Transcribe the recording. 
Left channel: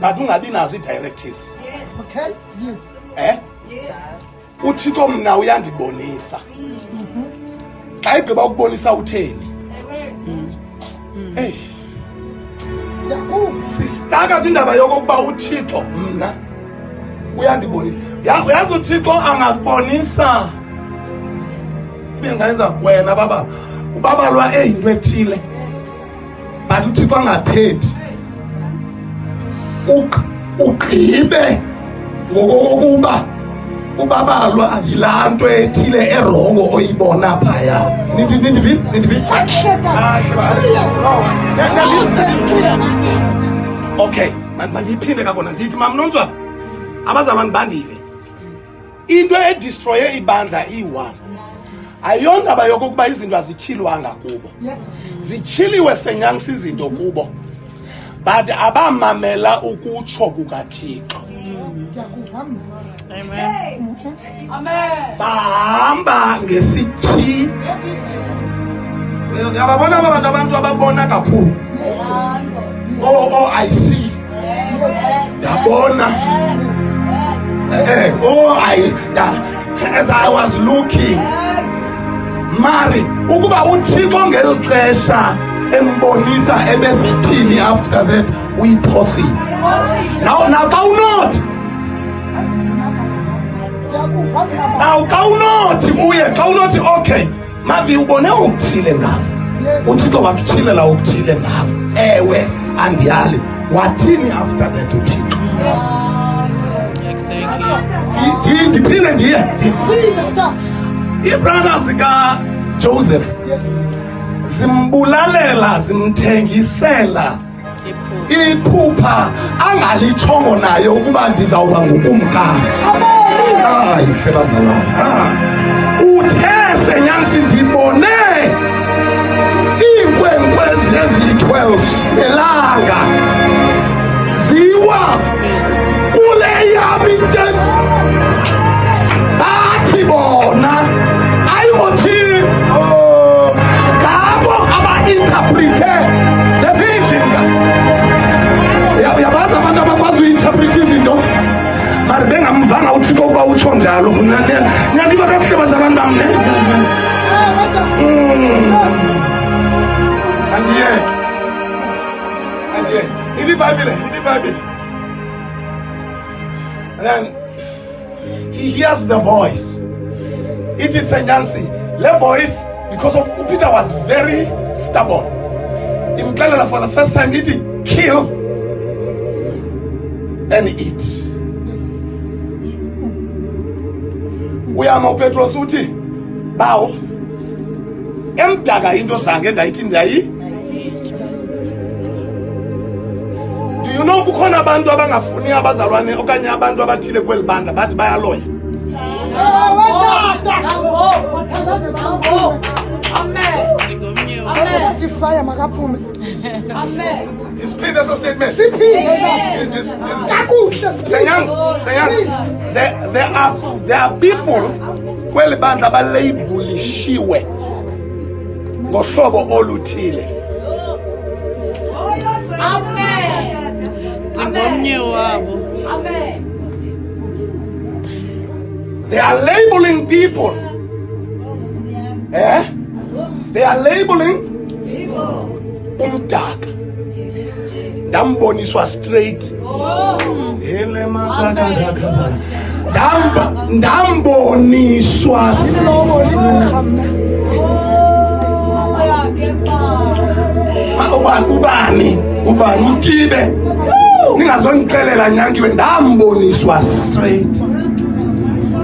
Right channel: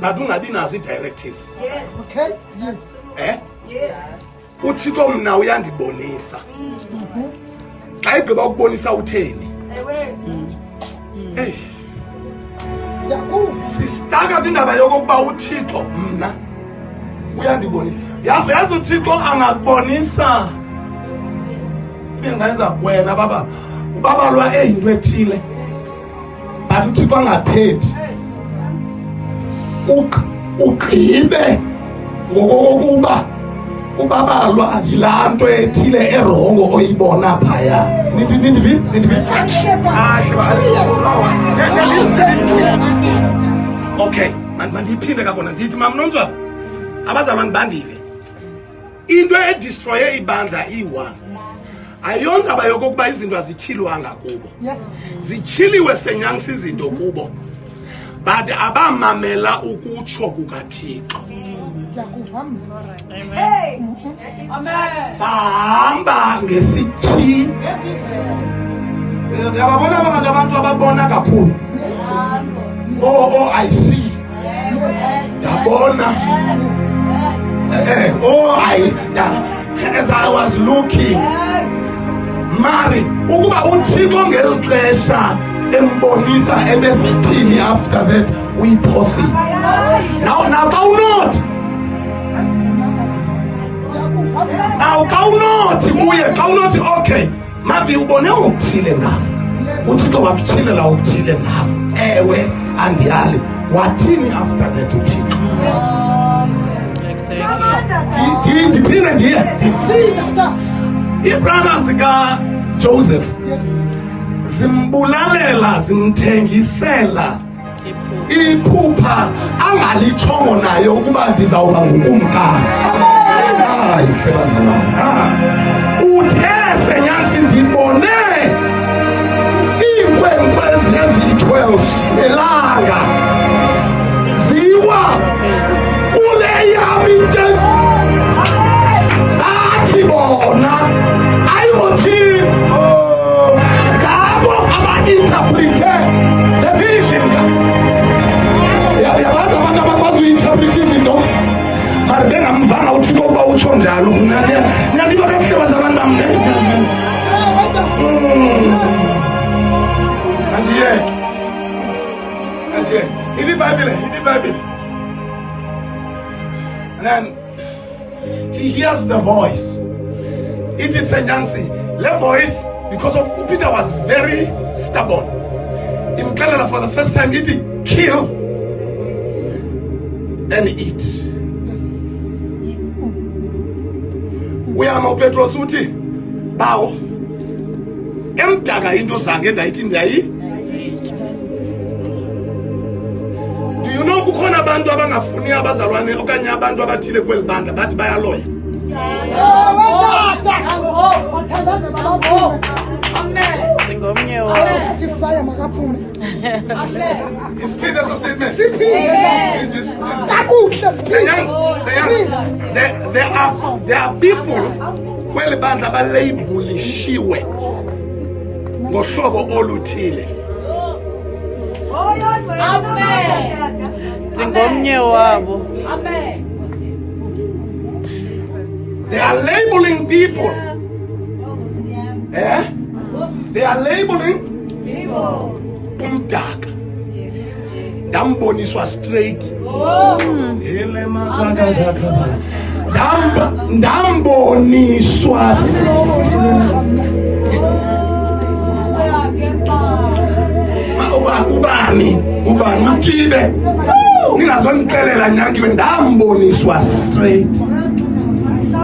but ungabi nazo directives. Okay. Yes. Uthixo mna uyandibonisa. Xa igqiba ukubonisa utheni? Sisitaka indaba yokokuba uThixo mna uyandibonisa. Yazi uThixo angakubonisa. Bengayenza wena baba. Ubaba lwa eyinwethile. But uThixo angathethi. Ugqibe ngokokuba ubabalwa yilaa nto ethile erongo oyibona phaya. Okay, mandiyiphinde kabona ndithi mamnonzo abazalwane bandile. Into edistroye ibandla iyi-1. Ayondaba yokokuba izinto azitshilwanga kubo. Zitshiliwe senyangisa izinto kubo. But abamamela ukutsho kukaThixo. Bahamba ngesithi. Yababona abantu ababona kakhulu. Oh, I see. Yabona. As I was looking. Mari, ukuba uThixo ngelo xesha embonisa ebesithini after that we proceed. Now not. Now not okay. Maybe ubone ukuthile ngam. Uthixo wakutshilela ukuthile ngam. Ewe andiyali. Wathini after that uThixo? Ndiphinde ndiye. Ibrana zika Joseph. Zimbulalela zimthengisela iphupha angalithongo nayo ukuba ndizawuba ngukumkani. Uthe senyangisi ndibone iinkwenkwezi eziyi-12 nelanga ziwa kule yam into athi bona ayiwothi labo aba-interprete the vision. Yabazi abantu abakwazi uyi-interprete izinto but bengamvanga uThixo ukuba utsho njalo. Nyandiba kakuhle bazalwane bam. Andiyeke. Ilibhayibhile. And then he hears the voice. It is a Nancy. The voice, because of Peter was very stubborn. In Canada for the first time, eating, kill and eat. We are no Petro Suti. Bow. Emdaga into zange ndayithi ndiyayi. Do you know kukhona abantu abangafuni abazalwane okanye abantu abathile kweli banda bathi bayaloya? There are people kweli banda abalabhelishiwe ngohlobo oluthile. They are labeling people. They are labeling dark. Damboniswa straight. Damboniswa ubani kide ningazonikelela nyangiwe damboniswa straight.